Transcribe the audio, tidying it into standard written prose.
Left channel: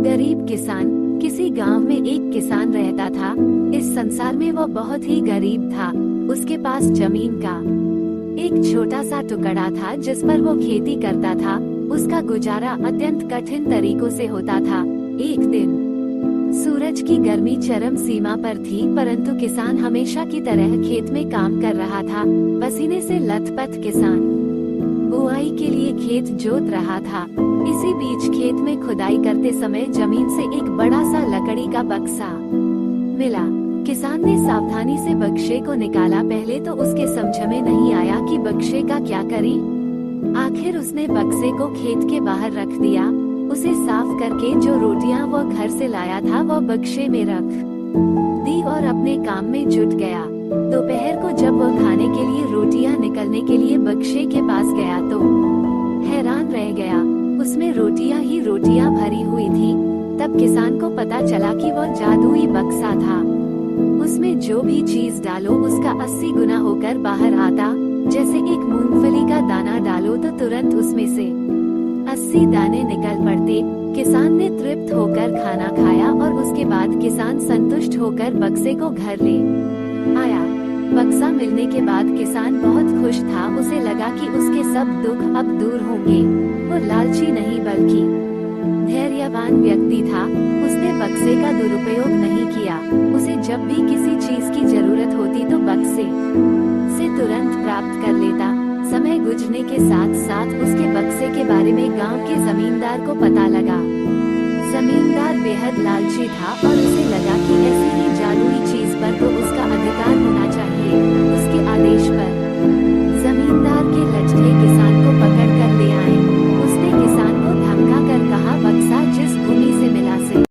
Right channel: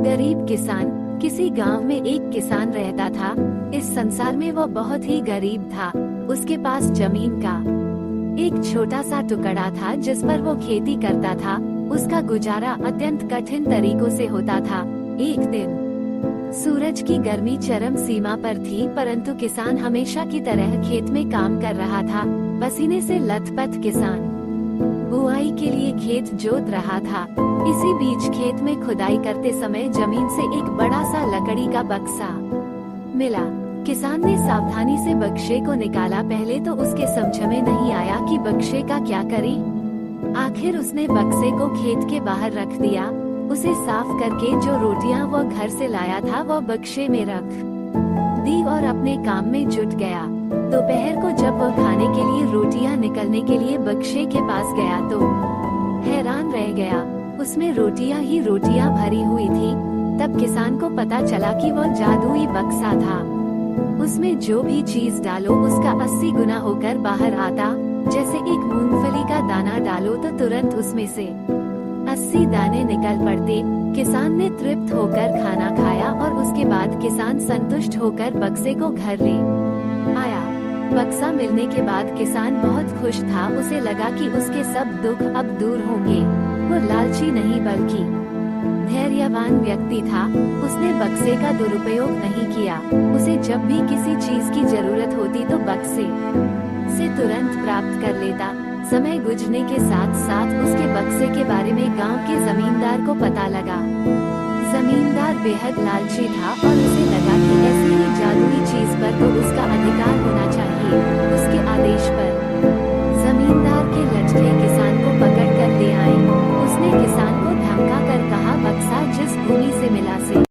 गरीब किसान। किसी गांव में एक किसान रहता था। इस संसार में वो बहुत ही गरीब था। उसके पास जमीन का एक छोटा सा टुकड़ा था जिस पर वो खेती करता था। उसका गुजारा अत्यंत कठिन तरीकों से होता था। एक दिन सूरज की गर्मी चरम सीमा पर थी, परंतु किसान हमेशा की तरह खेत में काम कर रहा था। पसीने से लथपथ किसान बुआई के लिए खेत जोत रहा था। इसी बीच खेत में खुदाई करते समय जमीन से एक बड़ा सा लकड़ी का बक्सा मिला। किसान ने सावधानी से बक्से को निकाला। पहले तो उसके समझ में नहीं आया कि बक्से का क्या करे। आखिर उसने बक्से को खेत के बाहर रख दिया। उसे साफ करके जो रोटियां वो घर से लाया था वो बक्से में रख दी और अपने काम में जुट गया। दोपहर को जब वह खाने के लिए रोटियां निकलने के लिए बक्से के पास गया तो हैरान रह गया। उसमें रोटियां ही रोटियां भरी हुई थी। तब किसान को पता चला कि वह जादुई बक्सा था। उसमें जो भी चीज डालो उसका 80 गुना होकर बाहर आता। जैसे एक मूंगफली का दाना डालो तो तुरंत उसमें से 80 दाने निकल पड़ते। किसान ने तृप्त होकर खाना खाया और उसके बाद किसान संतुष्ट होकर बक्से को घर ले आया। बक्सा मिलने के बाद किसान बहुत खुश था। उसे लगा कि उसके सब दुख अब दूर होंगे। वो लालची नहीं बल्कि धैर्यवान व्यक्ति था। उसने बक्से का दुरुपयोग नहीं किया। उसे जब भी किसी चीज की जरूरत होती तो बक्से से तुरंत प्राप्त कर लेता। समय गुजरने के साथ साथ उसके बक्से के बारे में गांव के जमींदार को पता लगा। जमींदार बेहद लालची था और उसे लगा कि ऐसी ही जादुई चीज पर तो उसका अधिकार होना चाहिए। उसके आदेश पर जमींदार के लठे किसान को पकड़ कर ले आए। उसने किसान को धमका कर कहा, बक्सा जिस भूमि से मिला से